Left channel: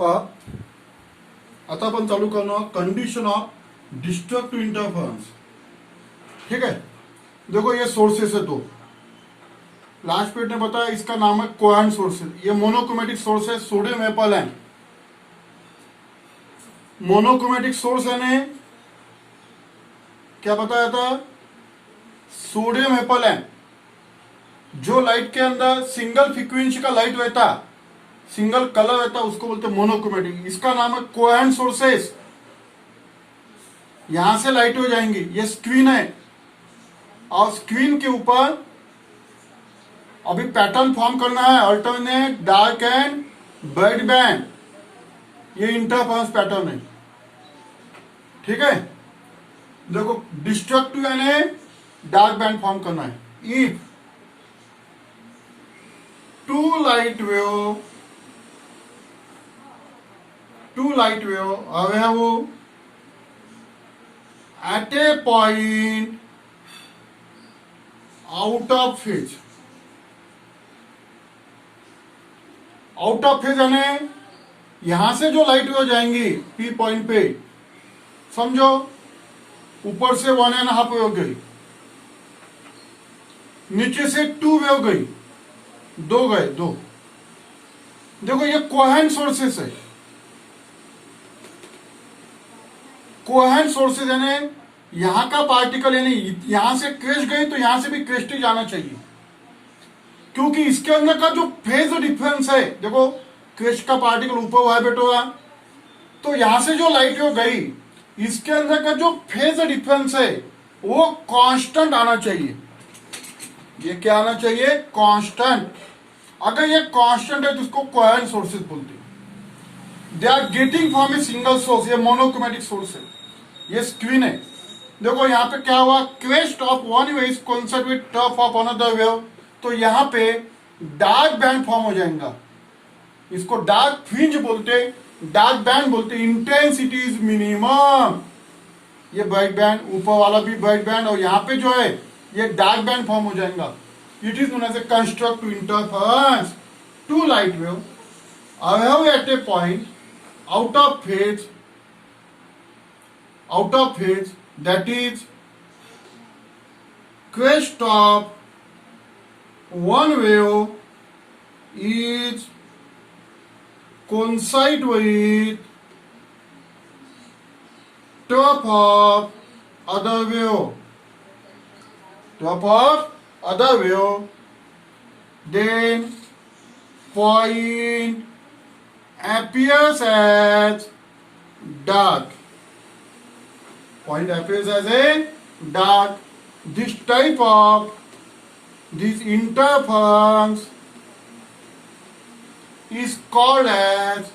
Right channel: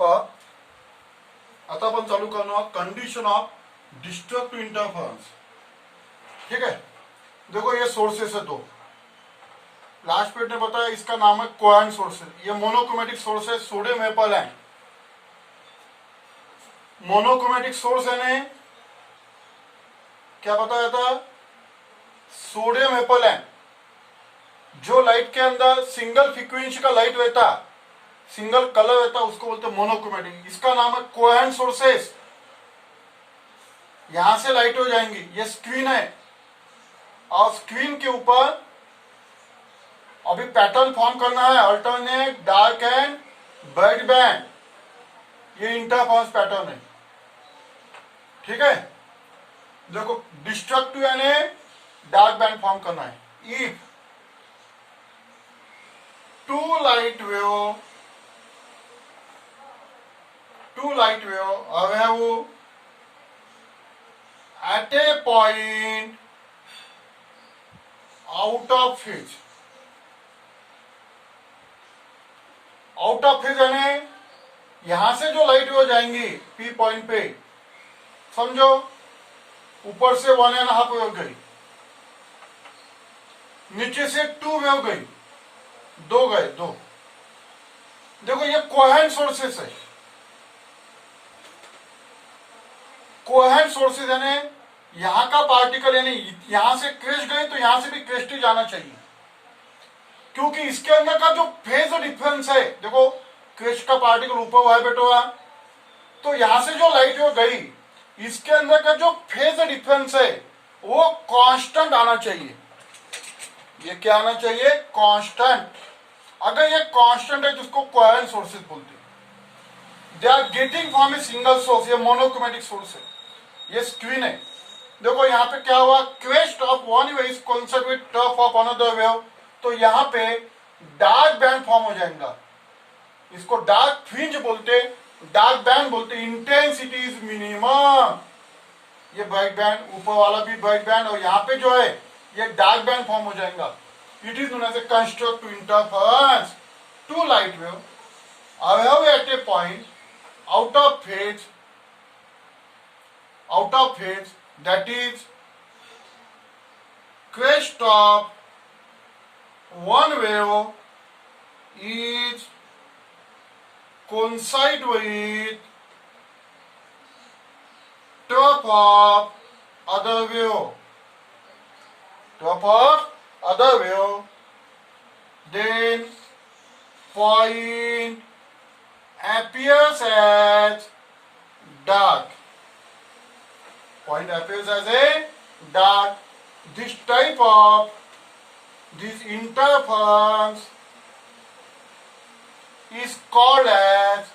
आता आपण चालू करणार कंडीशन ऑफ डिस्ट्रक्टिव इंटरफेरेंस। ठीक है, देखो ये सोर्सेस है दो। लास्ट पेज ने बताया इसका नाम है कोहेरेंट सोर्सेस। ये मोनोक्रोमेटिक सोर्स है, सोडियम एपल है। मोनोक्रोमेटिक सोर्स है ने क्या बताया था, सोडियम एपल है। जो लाइट के अंदर सिंगल फ्रीक्वेंसी का लाइट रहता, सिंगल कलर रहता, उसको बोलते मोनोक्रोमेटिक। इसका नाम है कोहेरेंट सोर्सेस। यहां से लाइट हो जाएंगी। ये स्क्रीन है और स्क्रीन के ऊपर अभी पैटर्न फॉर्म करना है, alternate, dark and bright band. ये इंटरफेरेंस पैटर्न है। ठीक है, देखो डिस्ट्रक्टिव यानी डार्क बैंड फॉर्म करना है। If two light wave have at a point out of phase यानी यहां से जो लाइट वेव जाएंगी पी पॉइंट पे, समझो ऊपर से 1.5 वेव गई, नीचे से 2 वेव गई, 2 गए 2। देखो ये कोहेरेंट सोर्सेस है। कोहेरेंट सोर्सेस यानी यहां का पार्टिकल यानी यहां से क्रेस्ट गई तो यहां से भी क्रेस्ट ही जाना चाहिए, क्योंकि इसके अंदर का जो फेज डिफरेंस है, देखो क्रेस्ट का पार्टिकल ऊपर वाइब्रेट हुआ तो यहां से जो लाइट वेव गई, इसके अंदर का जो फेज डिफरेंस है वो कांस्टेंट आना चाहिए। ये क्या आना चाहिए, कांस्टेंट। अगर ये कांस्टेंट है तो उसको कोहेरेंट सोर्सेस बोलते हैं। They are getting from a single source. ये मोनोक्रोमेटिक सोर्स है। ये स्क्रीन है। देखो यहाँ पे क्या हुआ, crest of one wave is coincide with top of another wave. तो यहाँ पे डार्क बैंड फॉर्म हो जाएगा। इसको डार्क फ्रिंज बोलते, डार्क बैंड बोलते। Intensity is minimum. ये ब्राइट बैंड, ऊपर वाला भी ब्राइट बैंड, और यहाँ पे जो है ये डार्क बैंड फॉर्म हो जाएगा। It is known as a constructive interference. Two light wave have at a point out of phase, that is crest of one wave is coincide with top of other wave, then point appears as dark. Point appears as a dark. This type of this interference is called as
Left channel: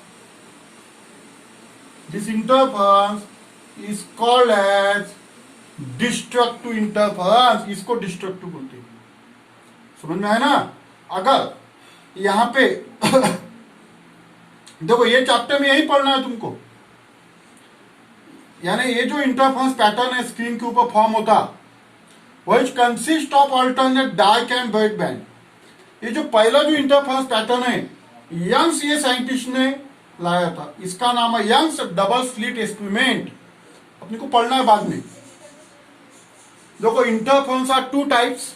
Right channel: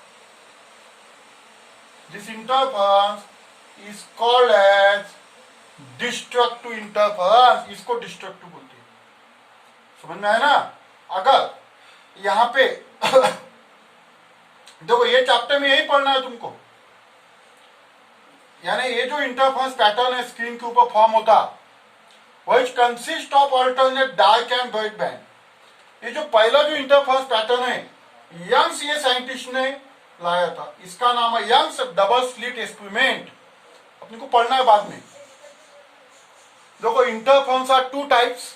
destructive interference. इसको destructive बोलते हैं। समझ में आया ना। अगर यहां पे देखो ये चैप्टर में यही पढ़ना है तुमको, यानी ये जो इंटरफेरेंस पैटर्न है स्क्रीन के ऊपर फॉर्म होता, which consist of alternate dark and bright band. ये जो पहला जो इंटरफेरेंस पैटर्न है, यंग्स ये साइंटिस्ट ने लाया था। इसका नाम है यंग्स डबल स्लिट एक्सपेरिमेंट। अपने को पढ़ना है बाद में। देखो interference are 2 types,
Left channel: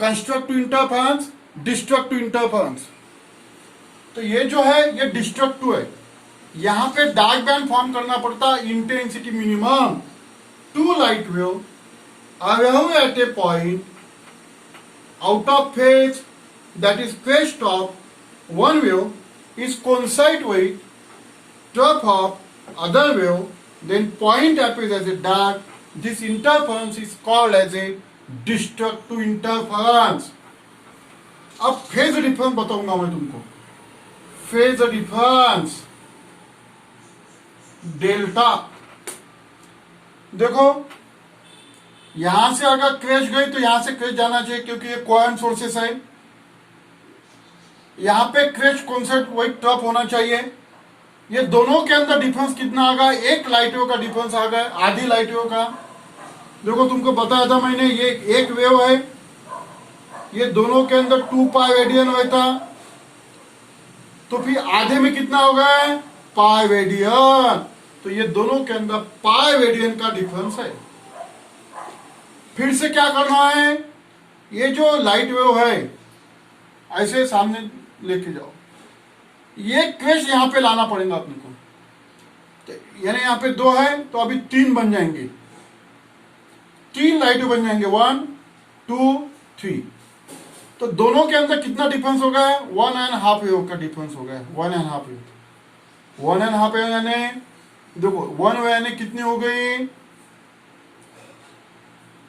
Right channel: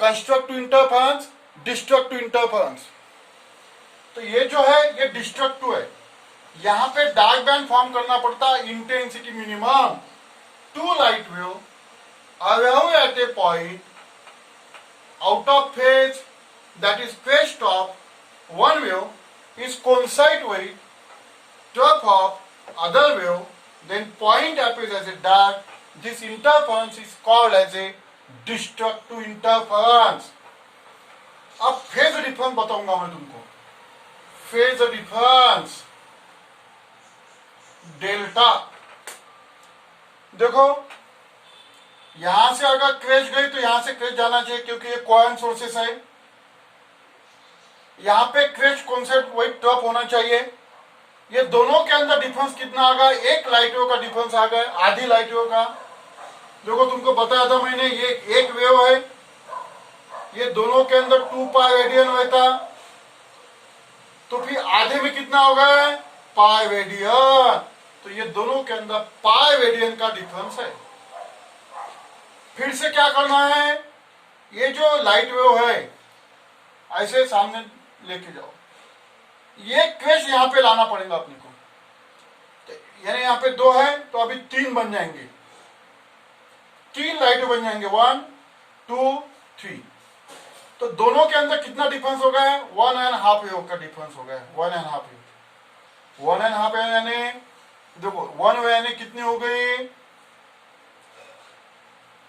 constructive interference, destructive interference. तो ये जो है ये डिस्ट्रक्टिव है। यहां पे डार्क बैंड फॉर्म करना पड़ता है, intensity minimum. 2 light wave are at a point out of phase, that is crest of one wave is coincide with top of other wave, then point appears as a dark. This interference is called as a destructive interference. अब phase difference बताऊंगा मैं तुमको। Phase difference delta. देखो यहां से अगर crash गई तो यहां से क्रेश जाना चाहिए, क्योंकि ये कोहेरेंट सोर्सेस है। यहां पे क्रेश कॉन्सेप्ट वही टॉप होना चाहिए। ये दोनों के अंदर डिफरेंस कितना आ गया, एक लाइट वेव का डिफरेंस आ गया, आधी लाइट वेव का। देखो तुमको बताया था मैंने, ये एक वेव है, ये दोनों के अंदर 2 पाई रेडियन हुआ था। तो फिर आधे में कितना होगा, पाई रेडियन। तो ये दोनों के अंदर पाई रेडियन का डिफरेंस है। फिर से क्या करना है, ये जो लाइट वेव है ऐसे सामने लेके जाओ, ये क्वेश यहां पे लाना पड़ेगा अपने को। तो यानी यहां पे 2 है तो अभी 3 बन जाएंगे, 3 लाइट बन जाएंगे, 1 2 3। तो दोनों के अंदर कितना डिफरेंस हो गया है, 1.5 वेव का डिफरेंस हो गया है, 1.5 वेव। 1.5 वेव यानी देखो 1 वेव यानी कितनी हो गई,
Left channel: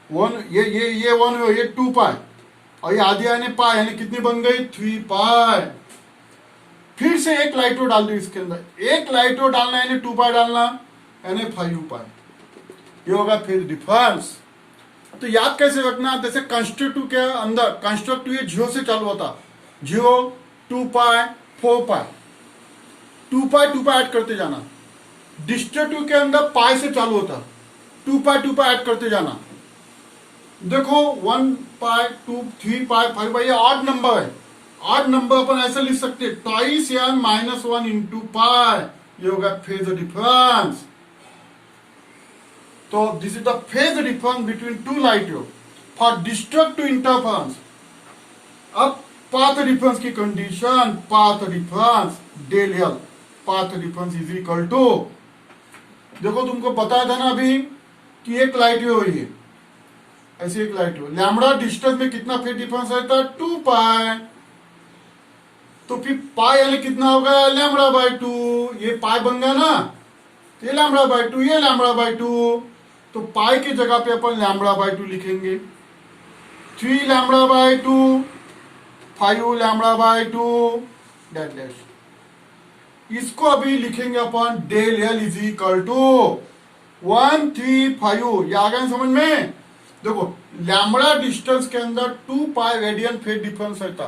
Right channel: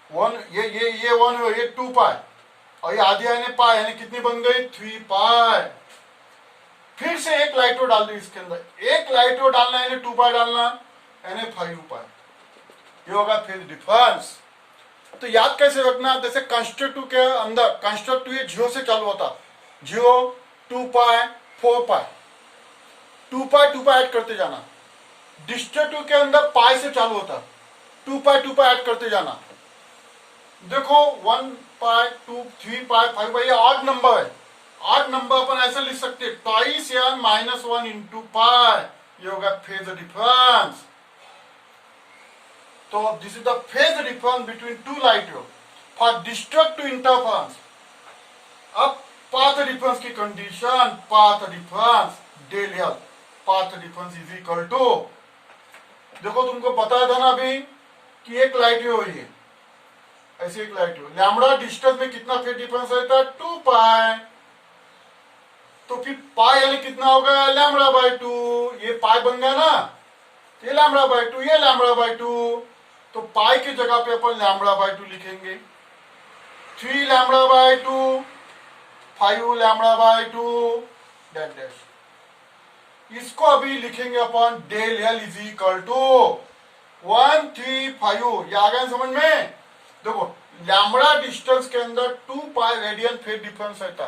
1 ये 1 वेव, ये 2 पाई और ये आधी यानी पाई, यानी कितनी बन गई, 3 पाई। फिर से एक लाइटो डाल दी इसके अंदर, एक लाइटो डालना यानी 2 पाई डालना यानी 5 पाई, ये होगा फिर डिफरेंस। तो याद कैसे रखना, जैसे कंस्ट्रक्टिव के अंदर, कंस्ट्रक्टिव ये 0 से चालू होता, 0 2 पाई 4 पाई, 2 पाई ऐड करते जाना। डिस्ट्रक्टिव के अंदर पाई से चालू होता, 2 पाई ऐड करते जाना। देखो 1 पाई 2 3 पाई 5 पाई, ये ऑड नंबर है, ऑड नंबर अपन ऐसे लिख सकते हैं, twice n minus 1 into pi, ये होगा फेज डिफरेंस। तो this is the phase difference between two light wave for destructive interference. अब पाथ डिफरेंस की condition, path difference del L, path difference is equal to, देखो तुमको बताया था ना अभी कि एक लाइट वेव हुई है, ऐसी एक लाइट वेव, लैम्बडा डिस्टेंस में कितना फेज डिफरेंस रहता है, 2 पाई। तो फिर पाई यानी कितना होगा, लैम्बडा बाय 2, ये पाई बन गया ना, ये लैम्बडा बाय 2, ये लैम्बडा बाय 2। तो पाई की जगह पे अपन लैम्बडा बाय 2 लिखेंगे, 3 lambda by 2, 5 lambda by 2 dash dash. इसको अभी लिखेंगे अपन del L is equal to 1 3 5। ये आ गया समझ में। देखो लैम्बडा डिस्टेंस के अंदर 2 पाई रेडियन फेज डिफरेंस रहता,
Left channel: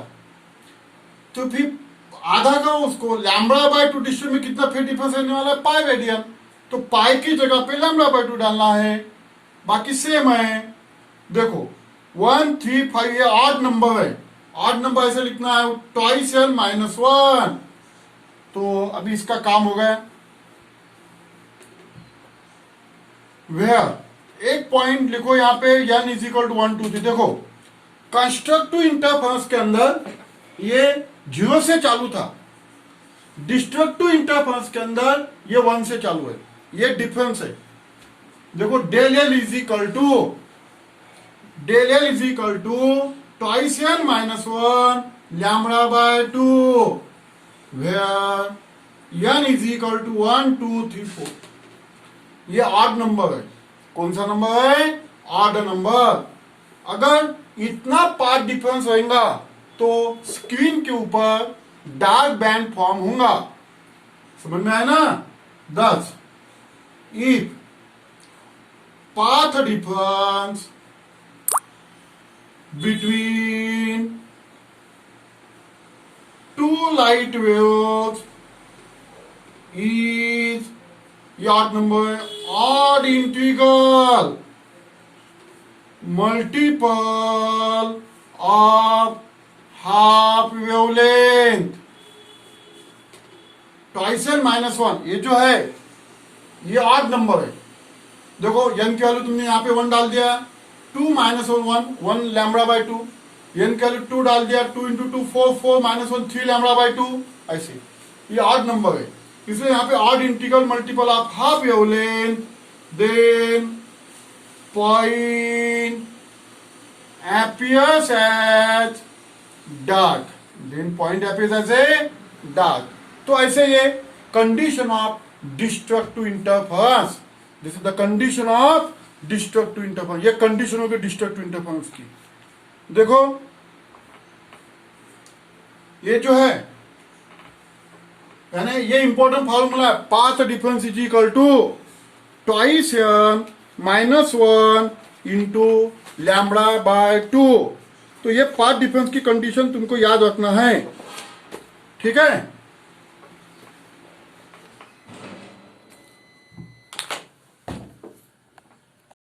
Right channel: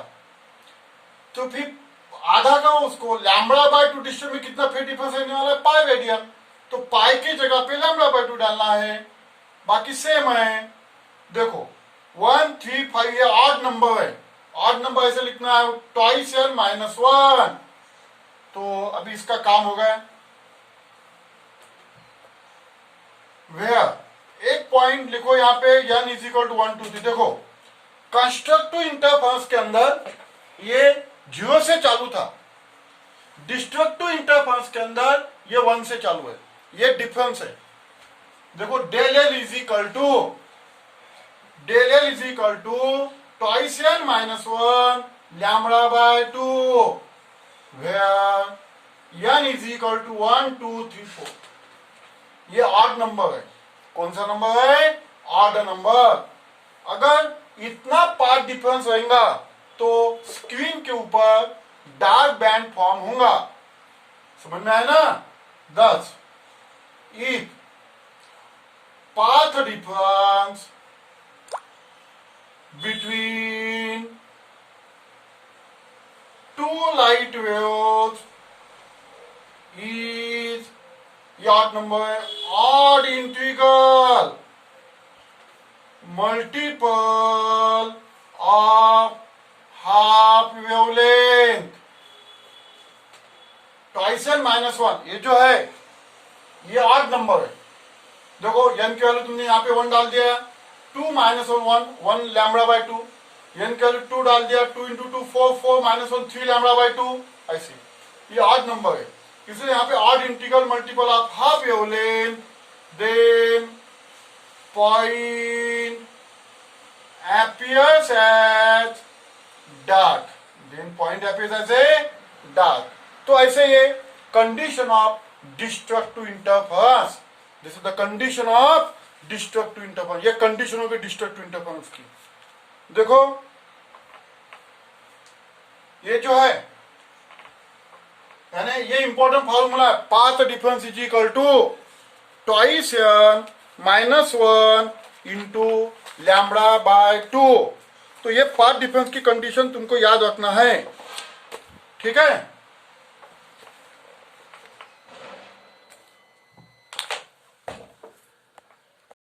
तो फिर आधा का उसको लैम्बडा बाय 2 डिस्टेंस में कितना फेज डिफरेंस रहने वाला है, पाई रेडियन। तो पाई की जगह पे लैम्बडा बाय 2 डालना है, बाकी सेम है। देखो 1 3 5 ये ऑड नंबर है, ऑड नंबर ऐसे लिखना है, ट्वाइस n माइनस 1। तो अभी इसका काम हो गया। वेयर एक पॉइंट लिखो यहाँ पे, n इज इक्वल टू 1 2 3। देखो कंस्ट्रक्टिव इंटरफेरेंस के अंदर ये 0 से चालू था, डिस्ट्रक्टिव इंटरफेरेंस के अंदर ये 1 से चालू है, ये डिफरेंस है। देखो del L is equal to, del L is equal to twice n minus 1 lambda by 2, where n is equal to 1 2 3 4। ये ऑड नंबर है, कौन सा नंबर है, ऑड नंबर। अगर इतना पाथ डिफरेंस रहेगा तो स्क्रीन के ऊपर डार्क बैंड फॉर्म होगा, समझ में आया ना। दस if path difference between two light waves is odd number, odd integral multiple of half wavelength twice n minus 1, ये जो है ये ऑड नंबर है। देखो n की वैल्यू तुमने यहाँ पे 1 डाल दिया, 2 माइनस 1 लैम्बडा बाय 2, n की वैल्यू 2 डाल दिया, 2 इंटू 2 4 4 माइनस 1 3 लैम्बडा बाय 2, ऐसे ये ऑड नंबर है, इसलिए यहाँ पे odd integral multiple of half wavelength, then point appears as dark, then point appears as a dark। तो ऐसे ये condition of destructive interference, this is the condition of destructive interference, ये कंडीशन होगी destructive interference की। देखो ये जो है यानी ये इंपॉर्टेंट फॉर्मूला है, path difference is equal to twice n minus 1 into lambda by 2। तो ये पाथ डिफरेंस की कंडीशन तुमको याद रखना है, ठीक है।